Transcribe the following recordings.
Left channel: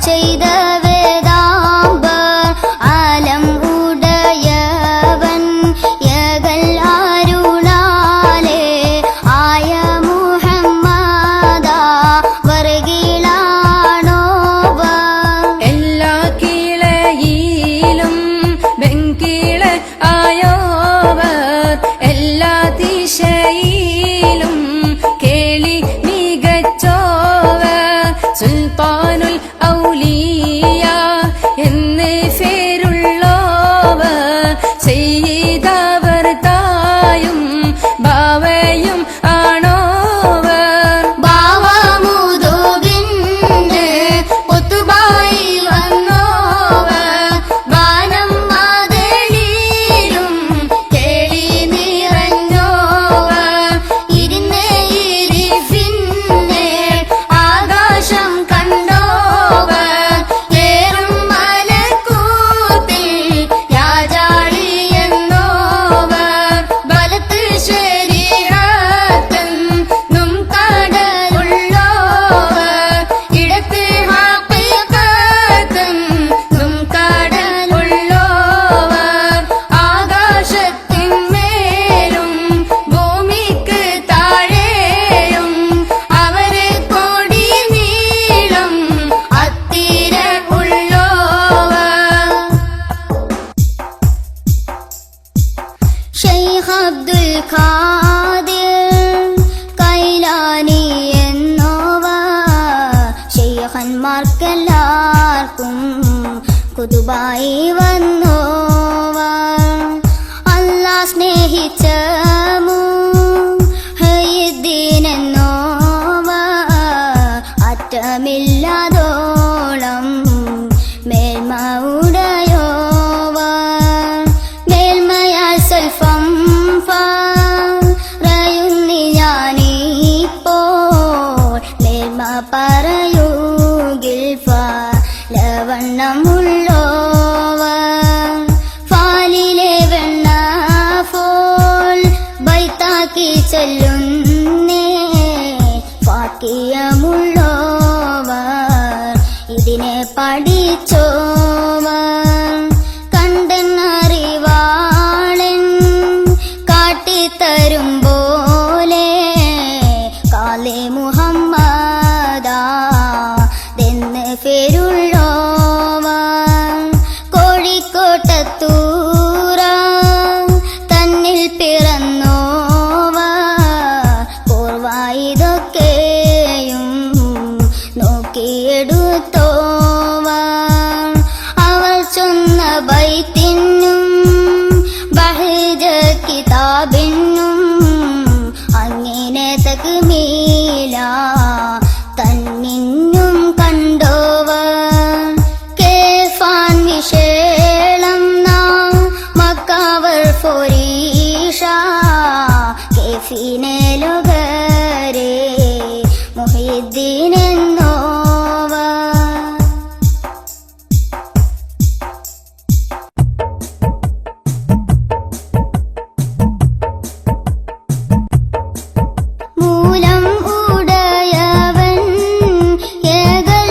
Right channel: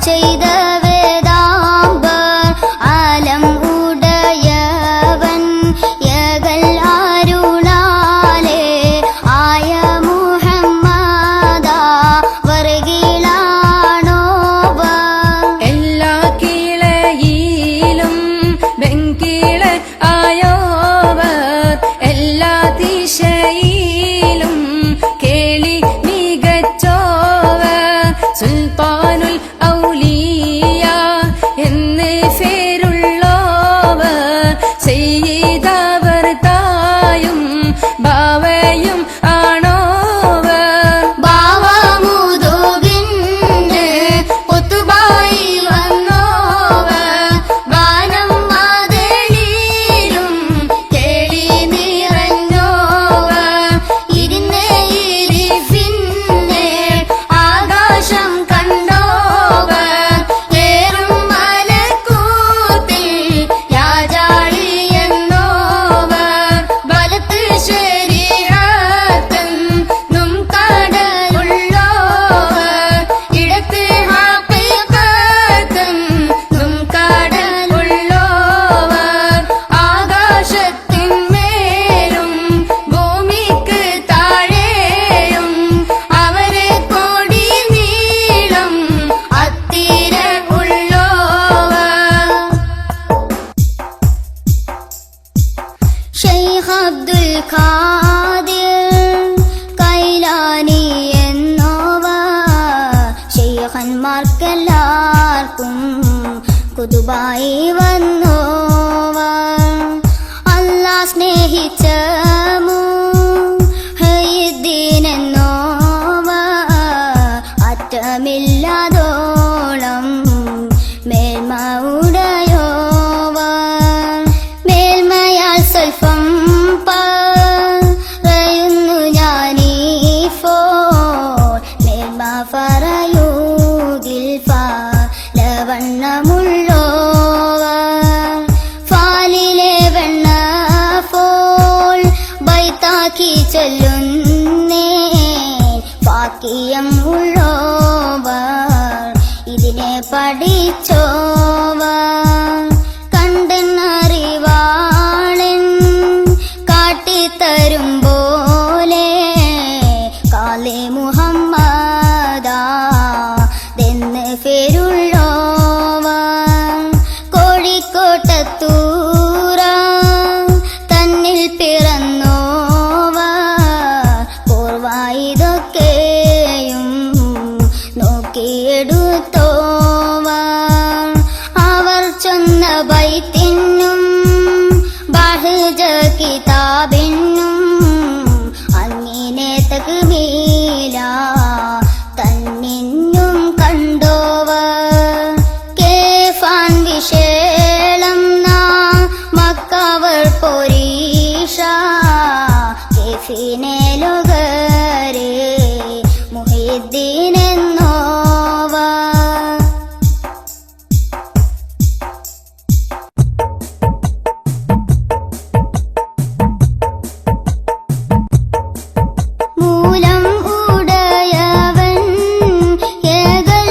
ചെയ്ത വേദാംബർ ആലം ഉടയവൻ യകൽ അരുളാലേ ആയ മുഹമ്മദ വർഗിലാണോവർ എല്ലാ കീളയിലും വെങ്കീള ആയോവർ എല്ലാ ദിശയിലും കേളി മികച്ചോവർ സുൽത്താനുൽ ഔലിയ എന്ന് പേരുള്ളോവർ ചെയ്തവർ തായും ബാവയും ആണോവർ ബാവമുതുകിന് ഒത്തുബായി വന്നോവർ വാനം മാതളിയിലും കേളി നിറഞ്ഞോവർ ഇരുന്ന് ഇരിഫിന്നെ ആകാശം കണ്ടോവർ ഏറും മലക്കൂത്തിൽ യാജാളി എന്നോവർ വലത്ത് ശരീഅത്തെന്നും കടലുള്ളോവർ ഇടത്ത് ഹഖീഖത്തെന്നും കടലുള്ളോവർ ആകാശത്തിന്മേലും ഭൂമിക്ക് താഴെയും അവരെ കൊടി നീളം അത്തിര ഉള്ളോവർ ശൈഖ് അബ്ദുൽ ഖാദിർ കൈലാനി എന്നോവർ ശൈഖന്മാർക്കെല്ലാവർക്കും കുതുബായി വന്നോവർ അല്ലാഹ് സ്നേഹിച്ച മുഹയ്യിദ്ദീൻ എന്നോവർ അറ്റമില്ലാതോളം മേൽമ ഉടയോവർ മേൽമയാൽ സ്വൽപ്പം പറയുന്നു ഞാനീപ്പോൾ മേൽമ പറയുകിൽ ഫലവണ്ണമുള്ളോവർ ഫാലിലെ വെണ്ണ പോൽ ബൈത്താക്കി ചൊല്ലുന്നേ ഫാക്കിയമുള്ളോവർ ഇതിനെ പഠിച്ചോവർ കണ്ടെന്നറിവാളൻ കാട്ടിത്തരും പോലെ കാലേ മുഹമ്മദെന്ന് പേരുള്ളോവർ കോഴിക്കോട്ടത്തൂറ തന്നിൽ പിറന്നോവർ പൂർവായിതൊക്കെയും നോക്കിയെടുത്തോവർ അവർ ചൊന്ന ബൈത്തിനും ബഹ്ജ കിതാബിനും അങ്ങനെ തക്ബീര തന്നിന്നും കണ്ടോവർ കേഫാൻ വിശേളം നാം മക്കവർ ഫൊരീഷ കേഫിനെ ലോകരെ മുഹിദ്ദീൻ എന്നോവർ മൂലം ഉടയവൻ ഏകൽ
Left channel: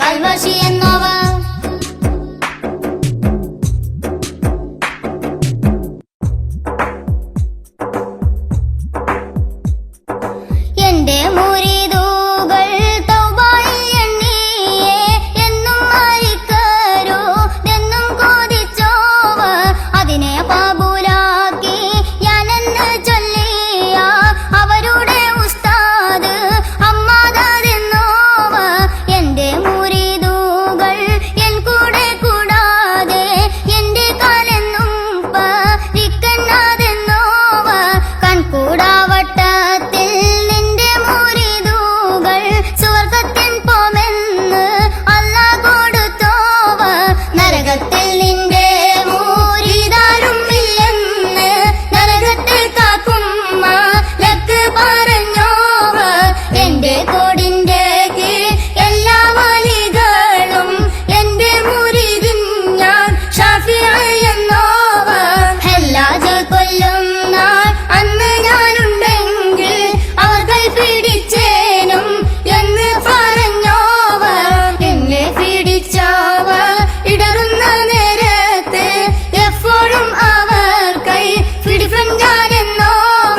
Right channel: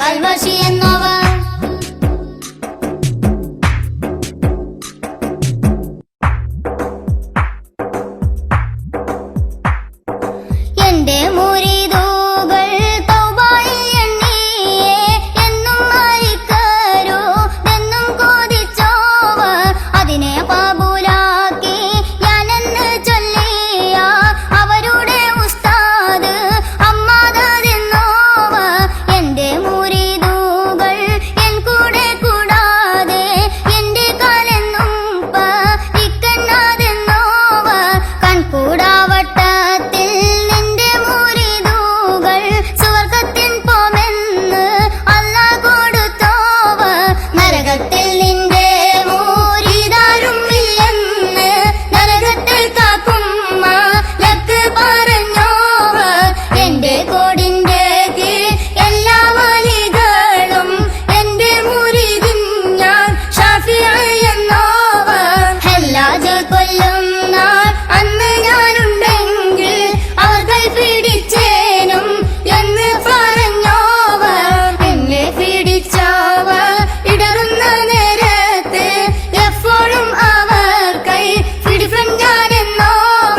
കൽവശി എന്നോവ. എന്റെ മുരീദുകൾ തൗബയിൽ എണ്ണിയേ എന്നും മരിക്കരോ എന്നും കൊതിച്ചോവ. അതിനെ പാബൂലാക്കി ഞാനെന്ന് ചൊല്ലിയ അവരുടെ ഉസ്താദ് അമ്മാതെന്നോവ. എന്റെ മുരീദുകൾ എൻ കൂടെ കൂടാതെ എന്റെ കാലെന്നും പരിക്കണ്ണാതെന്നോവ. കൺകൂടാവട്ടത്തിൽ നിന്റെ മുരീദുകൾ സുവർഗത്തിൻ പോമെന്ന് അല്ലാഹ് കൊടുത്തോവ. നരകത്തിൽ നിന്റെ മുരീദാരും ഇല്ലെന്ന് നരകത്തിൽ കാക്കും മാലക്ക് പറഞ്ഞോവ. എന്റെ കോടിന്റെ കീഴ് എല്ലാ വലികളും എന്റെ മുരീദിൻ ഞാൻ ഷാഫിഈ എന്നോവ. ഹല്ലാജ് കൊല്ലും നാൾ അന്ന് ഞാനുണ്ടെങ്കിൽ അവർ കൈ പിടിച്ചേനും എന്ന് പറഞ്ഞോവ. എന്നെ പിടിച്ചവ ഇടറുന്ന നേരത്ത് എപ്പോഴും അവർ കൈ പിടിപ്പൻ ഞാനെന്നോവ.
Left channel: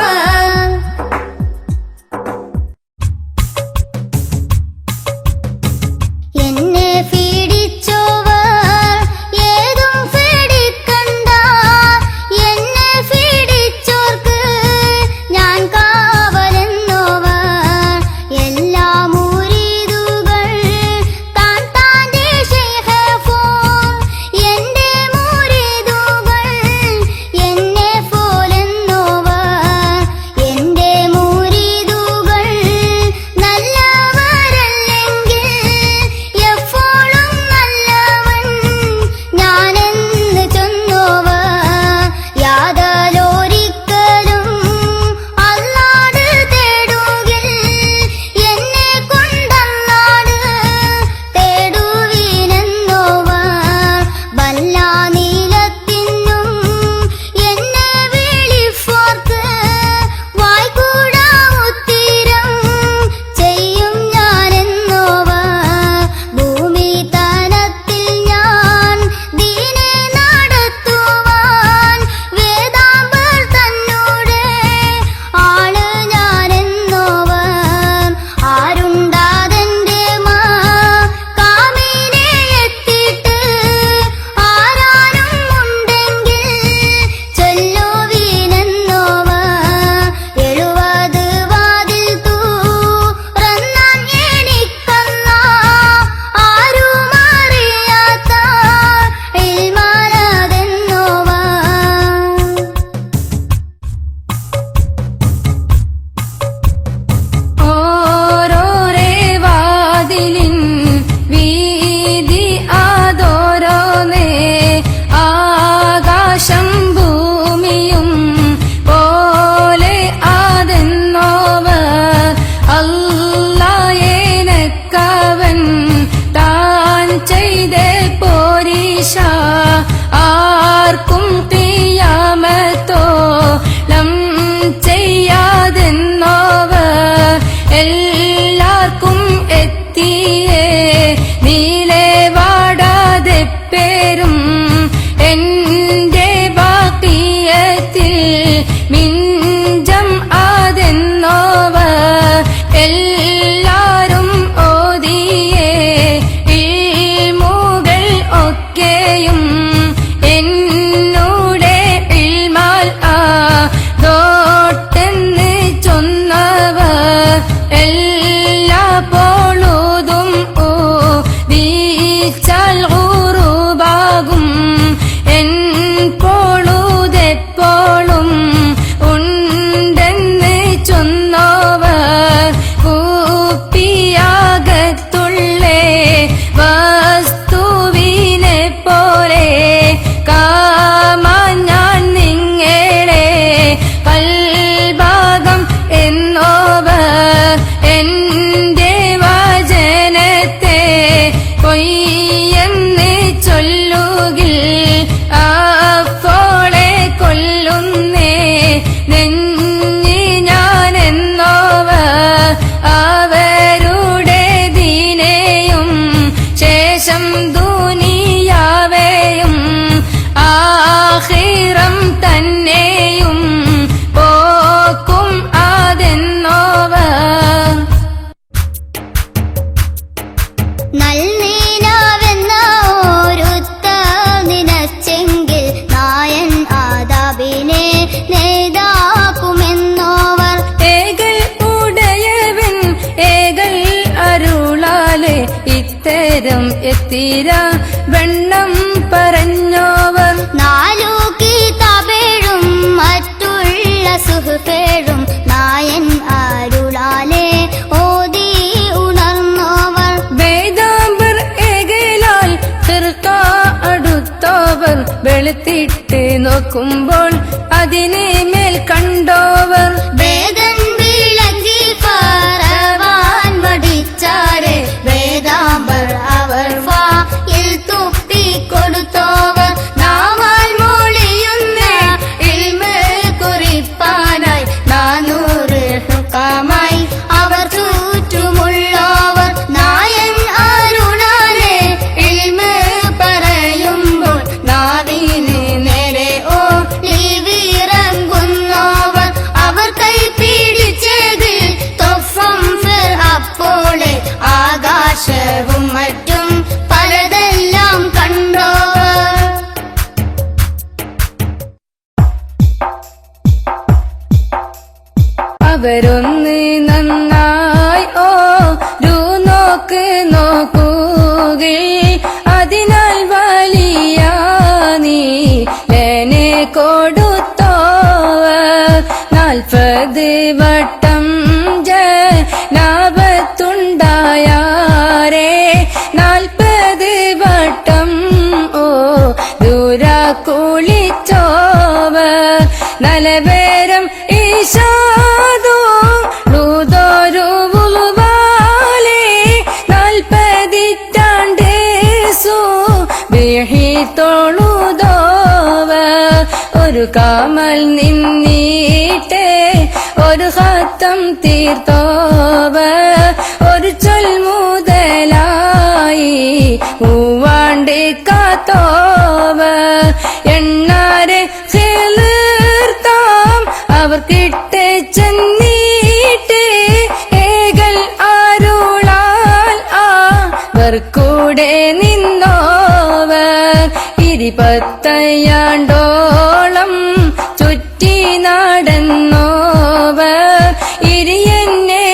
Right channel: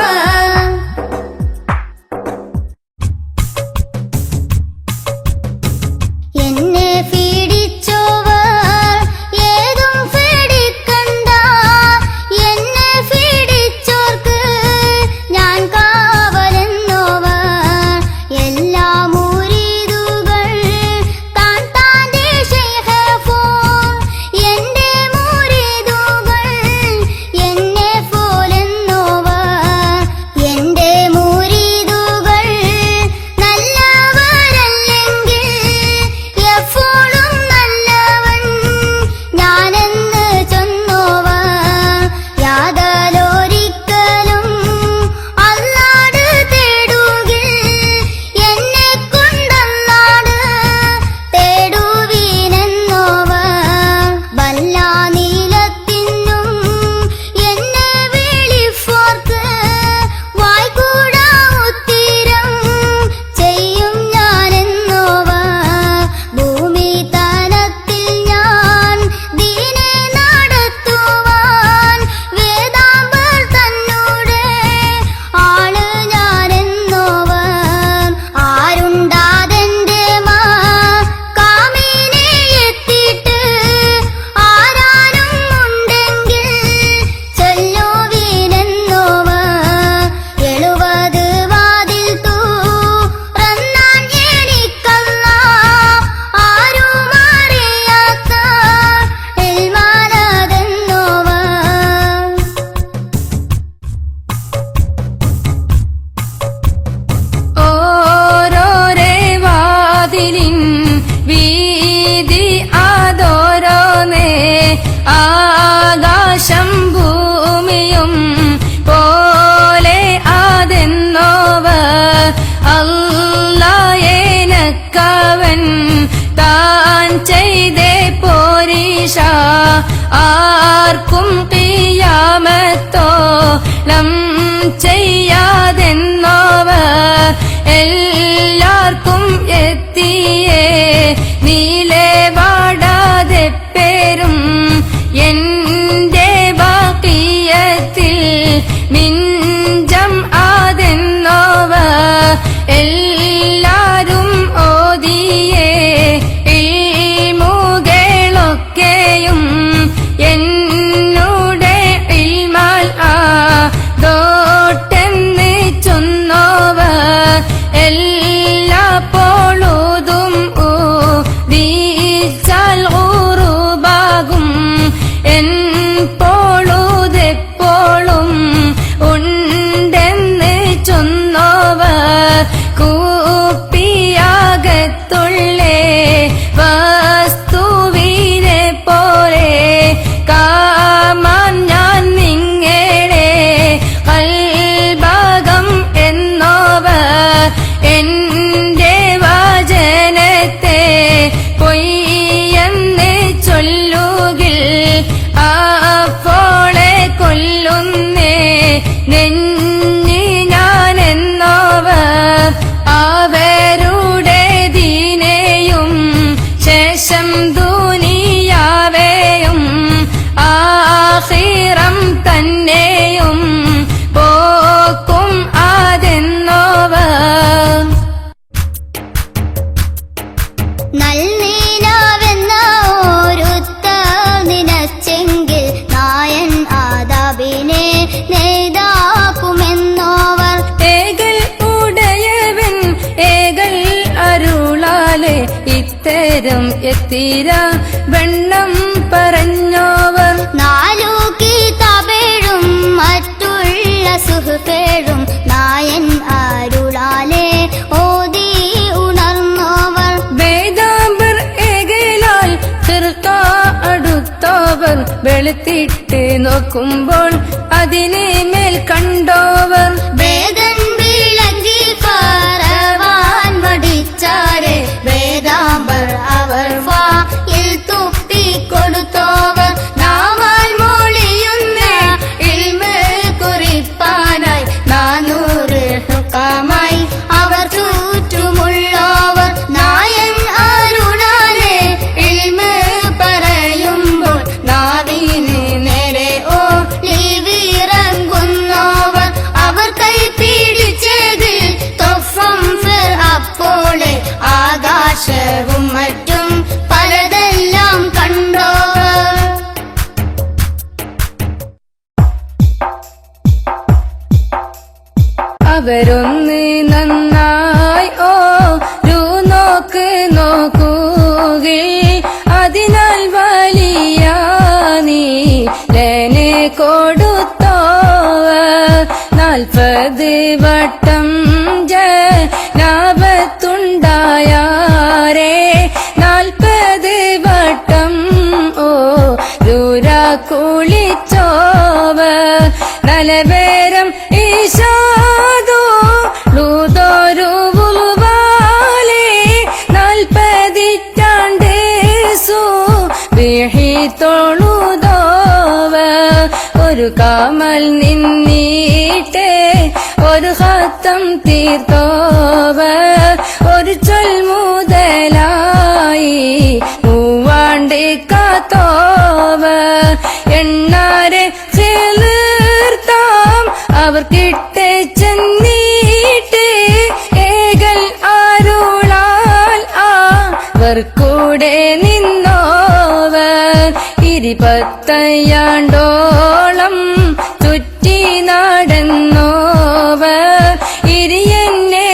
നേരം എത്തിര വെണ്ണം പറഞ്ഞോവർ 4 കിതാബേഴും മറ്റുള്ള സുഹൃഫേഴും നായൻ അരുളാലെ ഓതി ഉണർന്നോവർ വേദാംബർ ഏകലാൽ ഫിർഖ അടുത്തോവർ വെളുത്തിട്ട് നോക്കുമ്പോൾ അതിനെ മേൽ കണ്ടോവർ വേദൻ വിളങ്ങി പറവാൻ മടിച്ചാരെ വേദാംബർ അവർ വായിൽ തുപ്പി കൊടുത്തോവർ നാവാൽ മൊഴിയുന്ന ഇൽമ് കുറിപ്പാനായി 400 ഹുക്കാമായി അവർ ചുറ്റുമുള്ളവർ നായൻ അരുളാലെ ഇൽമ് പറയുമ്പോൾ നാവിന് നേരെ ഒലിവിറങ്ങുന്നവർ അവർ കൈ പിടിച്ചതിൽ തൊഫം ഫിർ അപ്പോളെ ആകാശവും മറ്റും പലതെല്ലാം കണ്ടോവർ അവരൊന്ന് നന്നായി നോക്കുകേ അതിനാൽ വലിയ നീ എന്നെ കൊടുത്തോവർ 40 വട്ടം ലാഭത്തുണ്ടായാരേ 40 വട്ടം ദൂര കുളിച്ചോവർ നലവേരം ഈശാദോ ദൂതോരുവാലേ 40 തൊഴുതോവർ ഒരു കാമൽ നിന്നീട്ടേ ഒരു ഹത്തം തീർത്തോവർ ഒരു ചൊൽ മുതലായി മൂവാണ്ടേ കാത്തോവർ എണ്ണാരെ ചേർത്താം അവർ കിട്ടേ ചെന്നീട്ടേ ഏകൽ ആരുളാൽ അവർ കൂടെ നിന്നോവർ 20 ചുറ്റി നടന്നോവർ ഇരിയെന്നെ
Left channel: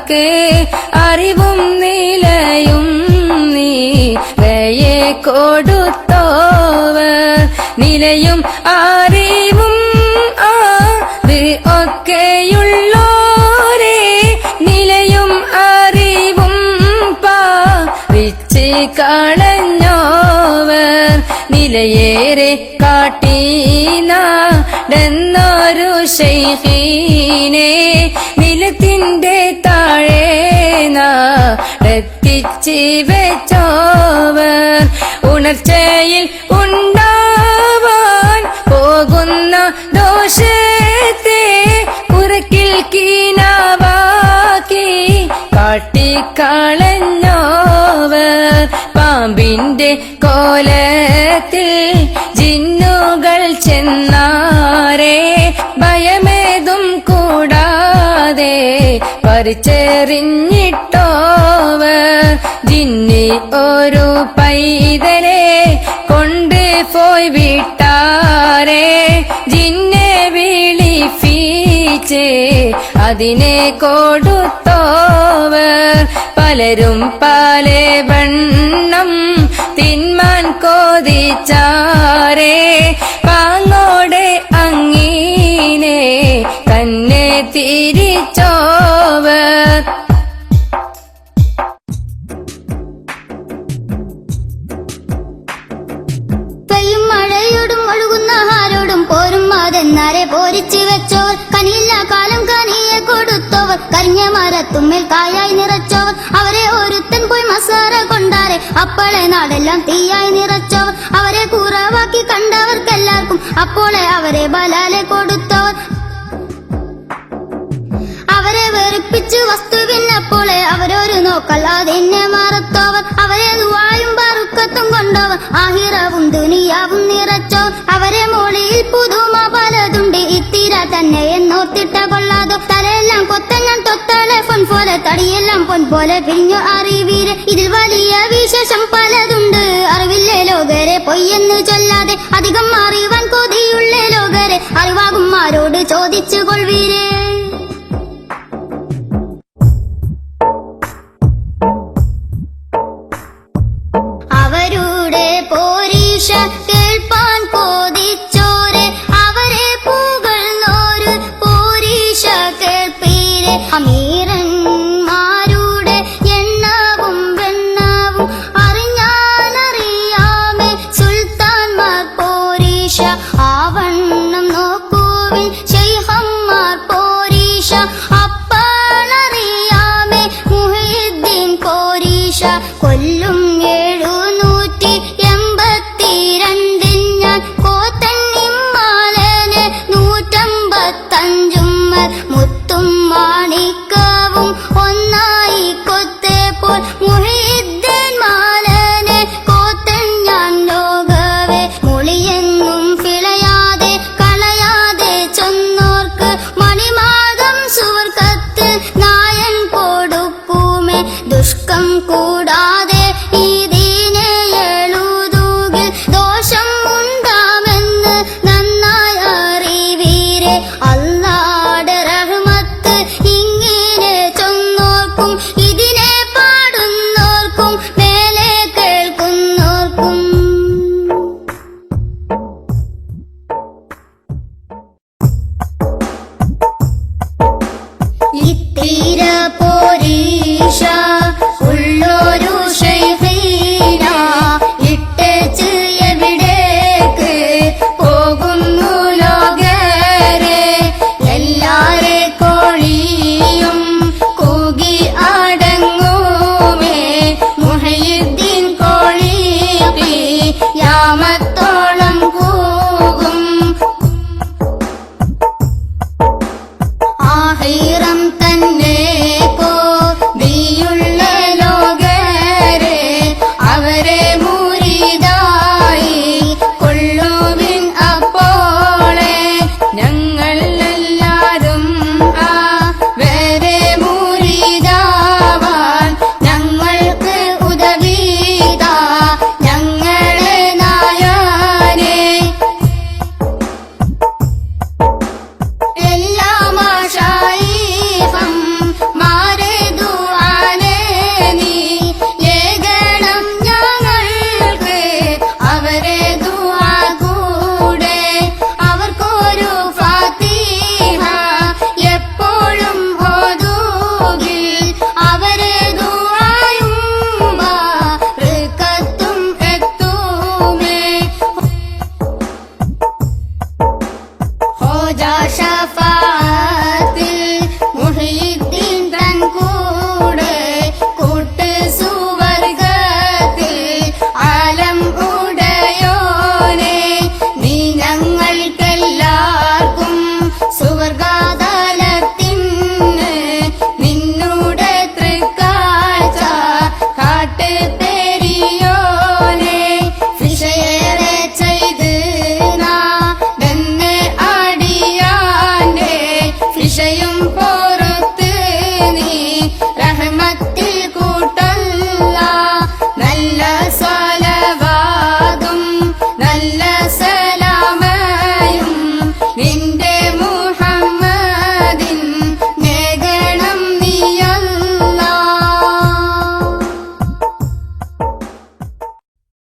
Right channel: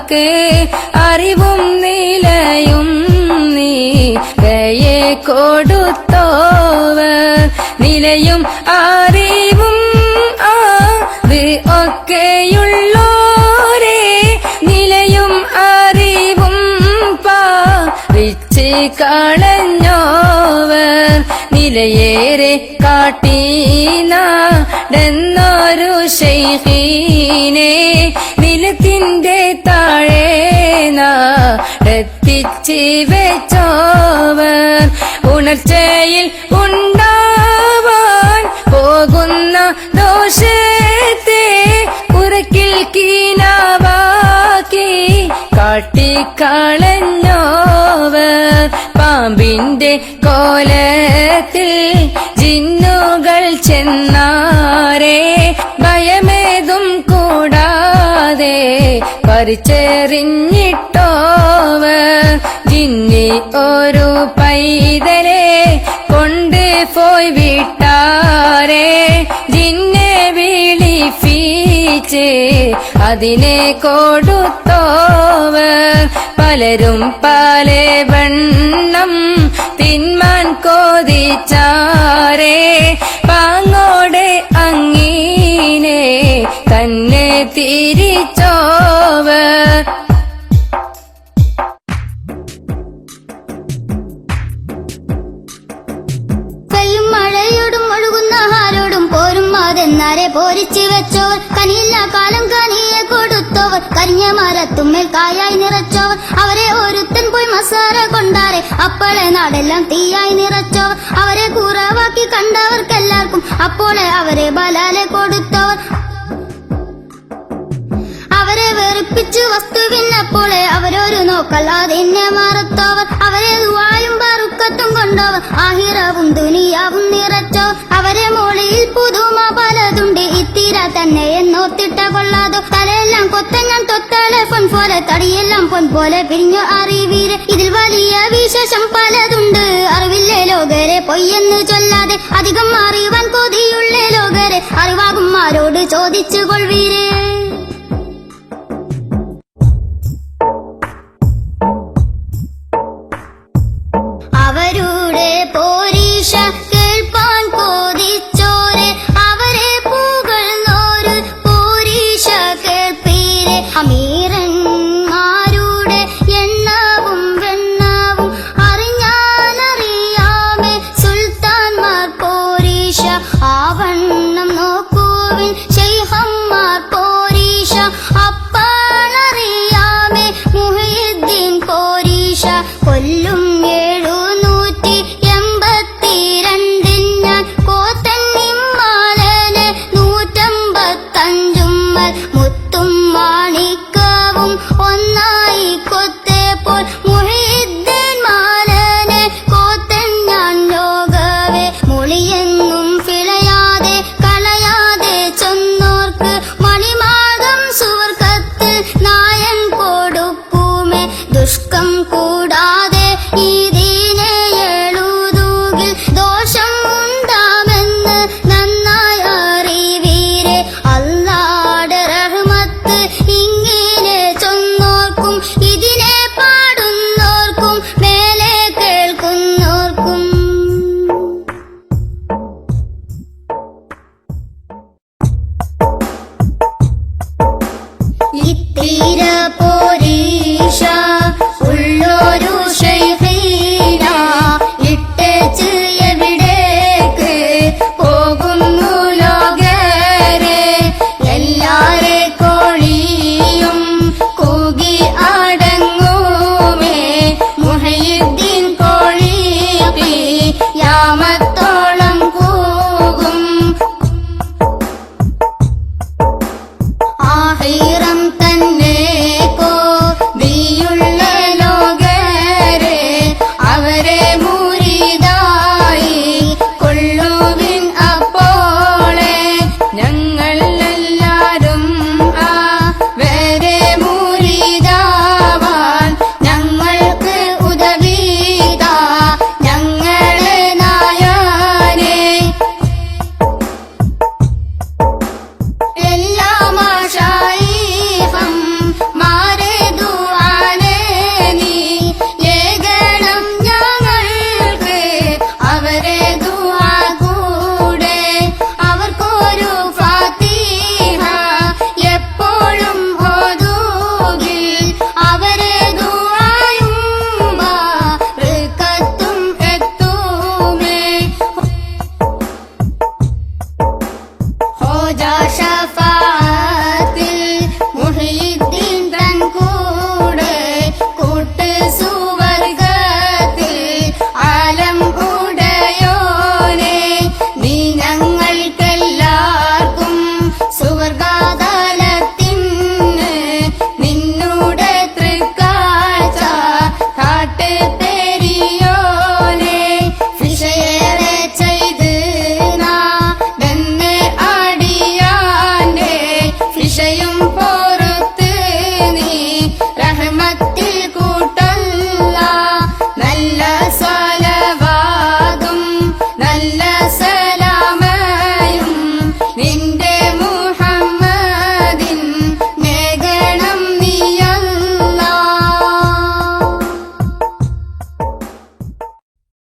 കാക്കേ അറിവും നിലയും നീലയെ കൊടുത്തോവർ നിലയും അറിവും അത് ഒക്കെയുള്ളോരേ നിലയും അറിവും പാവിച്ച് കളഞ്ഞോവർ നിലയേറെ കാട്ടീനാടെന്നൊരു ശൈഖീനെ നിലത്തിന്റെ താഴെ എത്തിച്ച് വെച്ചോവർ ഉണർച്ചയിൽ ഉണ്ടാവാൻ പോകുന്ന ദോഷത്തെ പുറക്കിൽ കീനാവാക്കി കാട്ടിക്കളഞ്ഞോവർ പാമ്പിന്റെ കോലത്തിൽ ജിന്നുകൾ ചെന്നാരേ ഭയമേതും കൂടാതെ പറിച്ചെറിഞ്ഞിട്ടോവർ ജിന്നി ഒരു പൈതരെ കൊണ്ട് പോയി വിട്ടാരേ ജിന്നെ വിളിപ്പിച്ച് അതിനെ കൊടുത്തോവർ പലരും പല വണ്ണം തിന്മാൻ കോതിച്ചാരേ പാങ്ങോടെ അങ്ങീനെ തന്നെ തിരിച്ചോവർ കല്ലും മഴയോടും ഒഴുകുന്ന ഹാലോടും പോരും മാതെന്നാരെ പോരിച്ചു വെച്ചോർ കനിയില്ല കാലം കനിയെ കൊടുത്തോർ കന്യമാലത്തുമ്മേൽ കായായി നിറച്ചോർ അവരെ ഒരുത്തൻ പോയി മസാല കൊണ്ടാരെ അപ്പോഴെ നാടെല്ലാം തീയായി നിറച്ചോ അവരെ കൂറാവാക്കി കണ്ടവർക്കെല്ലാവർക്കും അപ്പോഴെ അവരെ ബലാലെ കൊടുത്തോർ അവരെ വെറുപ്പിച്ച് വസ്തുവിനപ്പോഴെ അവരൊരു നോക്കല്ലാതെന്നെ മാറുത്തോർ അവരെ ദുആയും ബറുക്കത്തും കൊണ്ടോർ ആഹിറവും ദുനിയാവും നിറച്ചോ അവരെ മൊഴിയിൽ പുതുമ പലതുണ്ട് ഇത്തിര തന്നെ എന്നോത്തിട്ട കൊള്ളാതോ തലെല്ലാം കൊത്തങ്ങാൻ തൊട്ടാളെ പൊൻ പോലെ തടിയെല്ലാം പൊൻ പോലെ പിഞ്ഞു അറിവീരെ ഇതിൽ വലിയ വിശേഷം പലതുണ്ട് അറിവില്ലേ ലോകരെ പൊയ്യെന്ന് ചൊല്ലാതെ അധികം അറിവാൻ കൊതിയുള്ള ലോകരെ അറിവാകും ആരോട് ചോദിച്ചു കൊள்വീരേ അവരുടെ പോരീഷ കേൾപ്പാൻ കൊതിച്ചോരെ അവരെ പുകഴ്ന്നോര് പോരീഷ കേൾപ്പീരെ അമീരന്മാരുടെ എണ്ണവും വെണ്ണവും അറിയാനറിയാമേ സുൽത്താൻമാർ പോരീഷ ആവണ്ണം നോക്കുവിൻ ശൈഖന്മാർ പോരീഷ അപ്പാണറിയാമേ മുഹ്യിദ്ദീൻ പോരീഷ കൊല്ലും 782 ഞാൻ പോത്തന്നിമ്മാലനെ 155 മുത്തും മാണിക്കവും ഒന്നായി കൊത്തേപ്പോൾ മുഹ്യിദ്ദീൻ മാലനെ കോത്തൻ ഞാൻ ലോകവേ മുളിയെങ്ങും പിഴയാതെ കളയാതെ ചൊന്നോർക്ക് മണിമാതം സുവർഗത്തിൽ നായൻ കൊടുക്കുമേ ദുഷ്കം കൂടാതെ ഈ ദീനെ എഴുതുകിൽ ദോഷം ഉണ്ടാവെന്ന് നന്നായി അറിവീരെ അല്ലാഹുടെ റഹ്മത്ത് ഇങ്ങനെ ചൊന്നോർക്കും ഇതിനെ പാടുന്നോർക്കും മേലെ കേൾക്കുന്നോർക്കും ഇത്തിര പോരീഷ ഉള്ളൊരു ശൈഖീന ഇട്ടേച്ച് എവിടേക്ക് പോകുന്നു ലോകരെ എല്ലാരെ കോഴിയും കൂകി അടങ്ങുമേ മുഹയ്യിദ്ദീൻ കോഴി യാമത്തോളം കൂകും ആഹി